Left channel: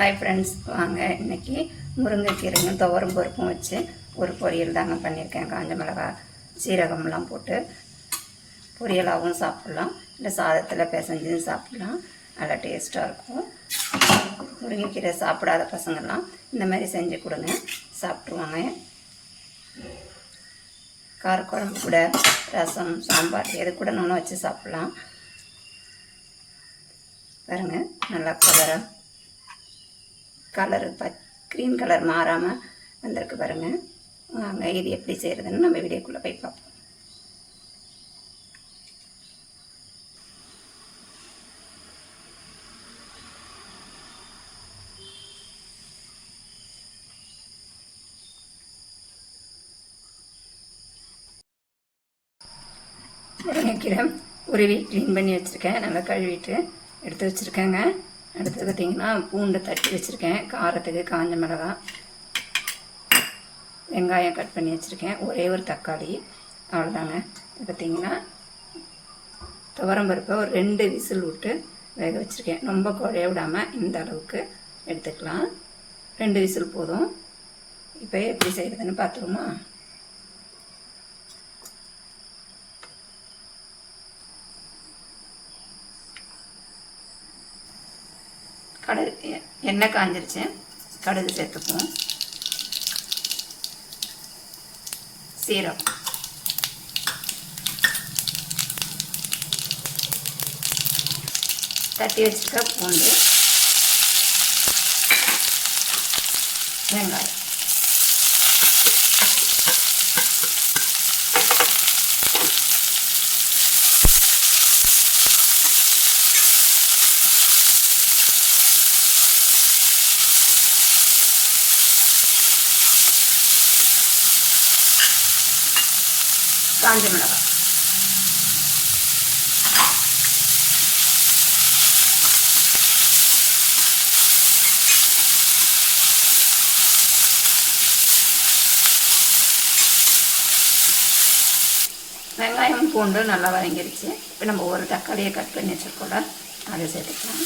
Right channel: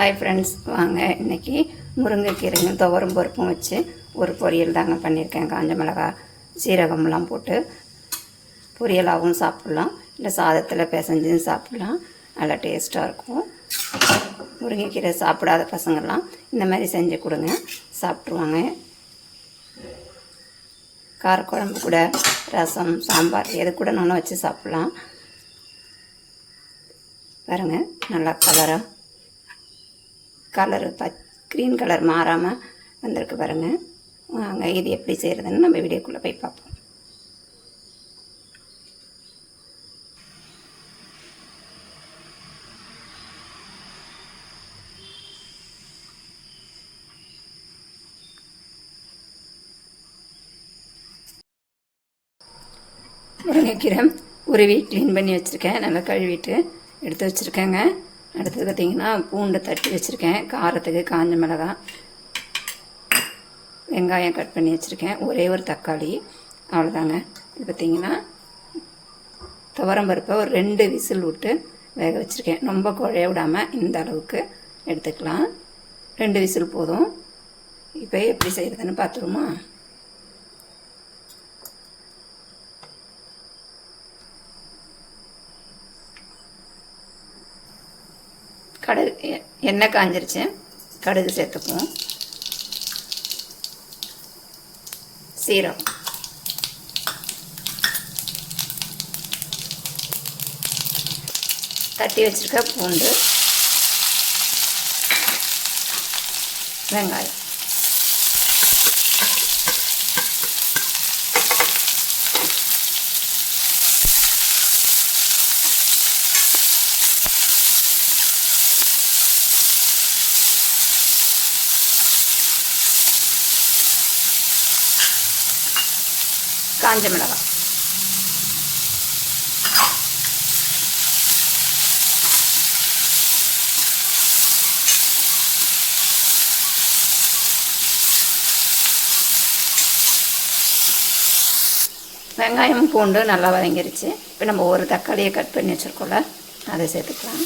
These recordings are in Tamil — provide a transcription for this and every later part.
ஹாய் ஃப்ரெண்ட்ஸ் வாங்க. இன்றைக்கி முருங்கைக்கீரையும் துவரம் பருப்பும் வச்சு ஒரு பொரியல் தாங்க பண்ணியிருக்கேன். காஞ்ச மிளகா சீரகம்லாம் போட்டு பொரியலாகவும் சாப்பிட்லாம். இல்லை சாதத்தில் பிசைஞ்சும் சாப்பிட்லாம். நல்லா டேஸ்ட்டாக இருக்கும். முருங்கைக்கீரை சாப்பிடாத பசங்கள்லாம் இந்த மாதிரி செஞ்சு கொடுங்க. சாப்பிட்ருவாங்க காரக்குழம்பு கூட ரசம் சாம்பார் எது கூட நானும் வச்சு சாப்பிட்லாம். பாருங்க நல்லா கலராக கலரு ப க்ரீன் கலர் மாறாமல் வந்திருக்கு பாருங்கள் வாங்க இது எப்படி செய்கிறதுன்னு நம்ம வீடியோக்குள்ளே போய் பார்ப்போம். முருங்கைக்கீரை உருவி க்ளீன் பண்ணி வச்சுருக்கேன். நல்லா கழுவிட்டு எடுத்து வச்சுருக்கேங்க. அடுத்து பார்த்திங்கன்னா பூண்டு தட்டி வச்சுருக்கேன். காரத்துக்கு காஞ்ச மிளகா வெங்காயம் கட் பண்ணி வச்சுருக்கேன். ஒரே ஒரு தக்காளி அவ்வளோதாங்க இது பார்த்திங்கன்னா துவரம் பருப்பை ஒரு ரெண்டு விசில் விட்டு வேக வச்சுருக்கேன். ரொம்ப குழைய விடாமல் இந்த அளவுக்கு எடுத்துக்கலாம். ரெண்டு விசில் போதும். இப்போ எப்படி செய்கிறதுன்னு பார்த்துருமா கடுகு எண்ணெய் காஞ்சிருச்சு. கடுகு சேர்த்துப்போம் சீரகம். தட்டி வச்சிருக்க பூண்டு வெங்காயம். காஞ்ச மிளகாய். வெங்காயமும் பூண்டு நல்லா வதங்கிருச்சு. இப்போ நம்ம ஒரு தக்காளியை கட் பண்ணி வச்சுருக்கோம்ல அதை சேர்த்துக்கலாம்.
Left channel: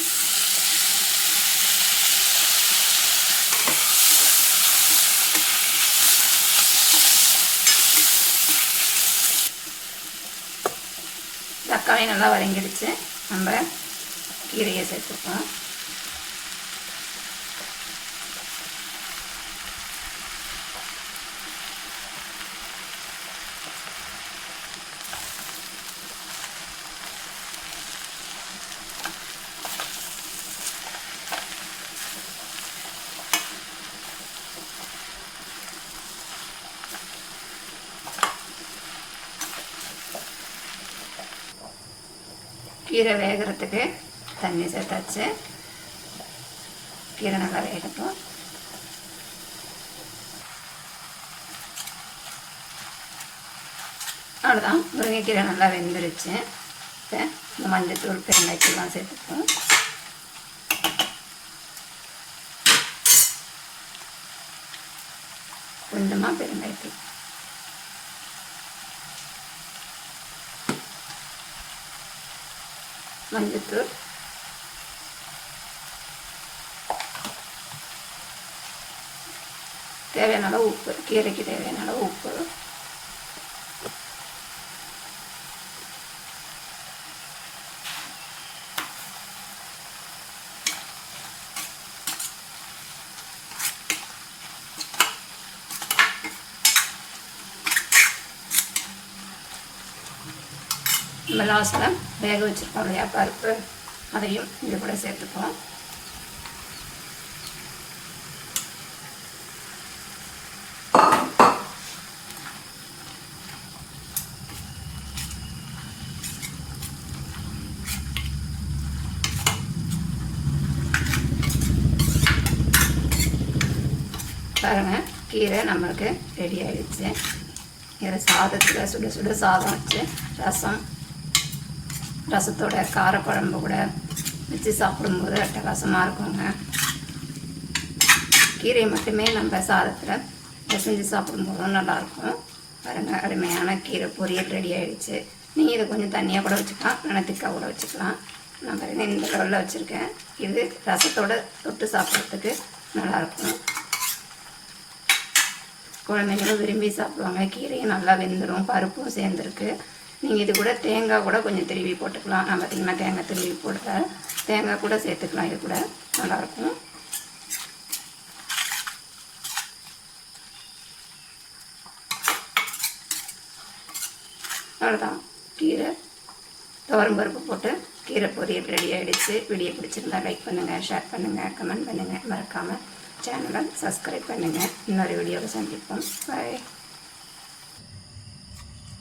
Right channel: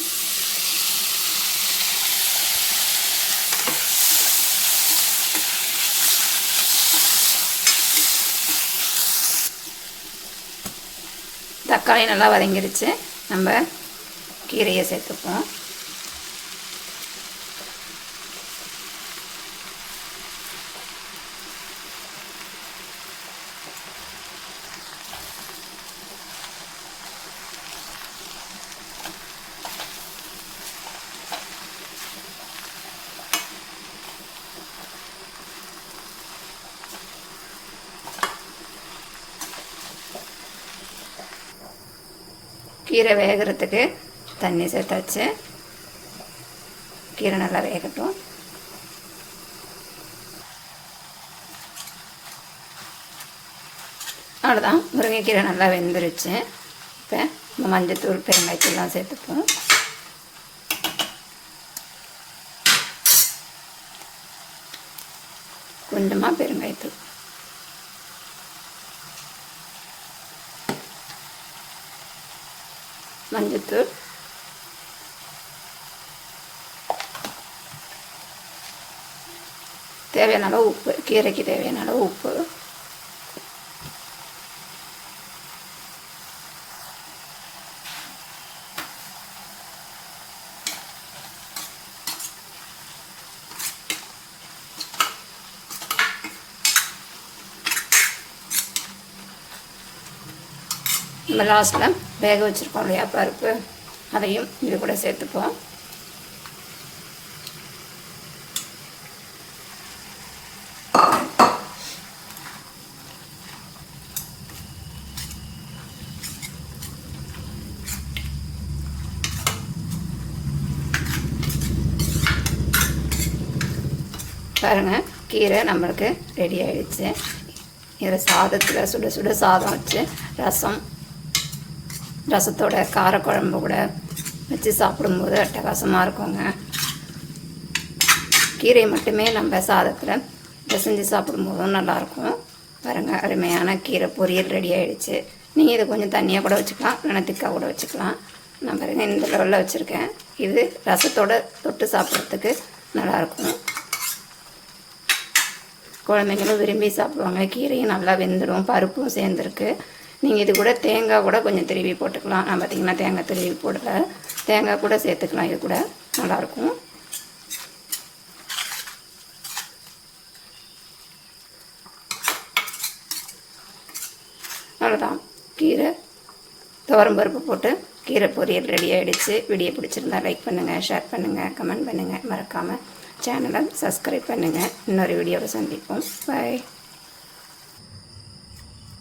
தக்காளி நல்லா வதங்கிடுச்சு. நம்ம கீரையை சேர்த்துப்போம். கீரை வேகிறதுக்கு தண்ணி சேர்த்தாச்சு. கீரை நல்லா வேகட்டும். அவ்வளோதான் முருங்கைக்கீரை நல்லா வெந்துருச்சு. இப்போ இந்த மஞ்சத்தூள் பெருங்காய்த்தூள்லாம் சேர்த்துப்போம். கொஞ்சமாக பெருங்காயத்தூள். மஞ்சத்தூள் தேவையான அளவு உப்பு கீரைக்கு தேவையான அளவு உப்பு நம்ம லாஸ்ட்டில் வேக வச்சுருக்கோம் இல்லையா? பருப்பு அதையும் இது கூட சேர்த்துப்போம். பாருங்கள் கீரை நம்மளுக்கு ரெடி ஆகிடுச்சு இதில் சாதத்தில் சுட சுட சாதம் வச்சு ரசம் ரசத்தோட காரக்குழம்பு கூட வச்சு சாப்பிடும்போது அட்டகாசமாக இருக்குங்க. கீரை மட்டுமே நம்ம சாதத்தில் பிசைஞ்சு சாப்பிடும்போதும் நல்லாயிருக்கும். பாருங்க அருமையான கீரை பொரியல் ரெடி ஆகிடுச்சு நீங்கள் இதை கொஞ்சம் தண்ணியாக கூட வச்சுக்கலாம் இல்லைன்னா திக்காக கூட வச்சுக்கலாம். நான் பாருங்க இந்த லெவலில் வச்சுருக்கேன். இது ரசத்தோடு தொட்டு சாப்பிட்றதுக்கு நல்லாயிருக்கும். குழந்தைங்களும் விரும்பி சாப்பிடுவாங்க. கீரையும் நல்லா வெந்துடும் பருப்பும் சேர்ந்துருக்கு. நீங்கள் இது கூட தேங்காய் கூட கொஞ்சம் திருவி போட்டுக்கலாம். நான் பார்த்தீங்கன்னா தேங்காய் திருவி போடல தேங்காய் கூட சேர்த்துக்கலாம். இது கூட நல்லாயிருக்கும் அவ்வளோதான் கீரை துவரம் பருப்பு போட்டு கீரை பொரியல் ரெடி ஆகிடுச்சு வீடியோ பிடிச்சிருந்தா லைக் பண்ணுங்கள் ஷேர் பண்ணுங்கள் கமெண்ட் பண்ணுங்கள் மறக்காமல் சேனலை சப்ஸ்கிரைப் பண்ணுங்கள் இன்னொரு வீடியோவை சந்திப்போம். பாய்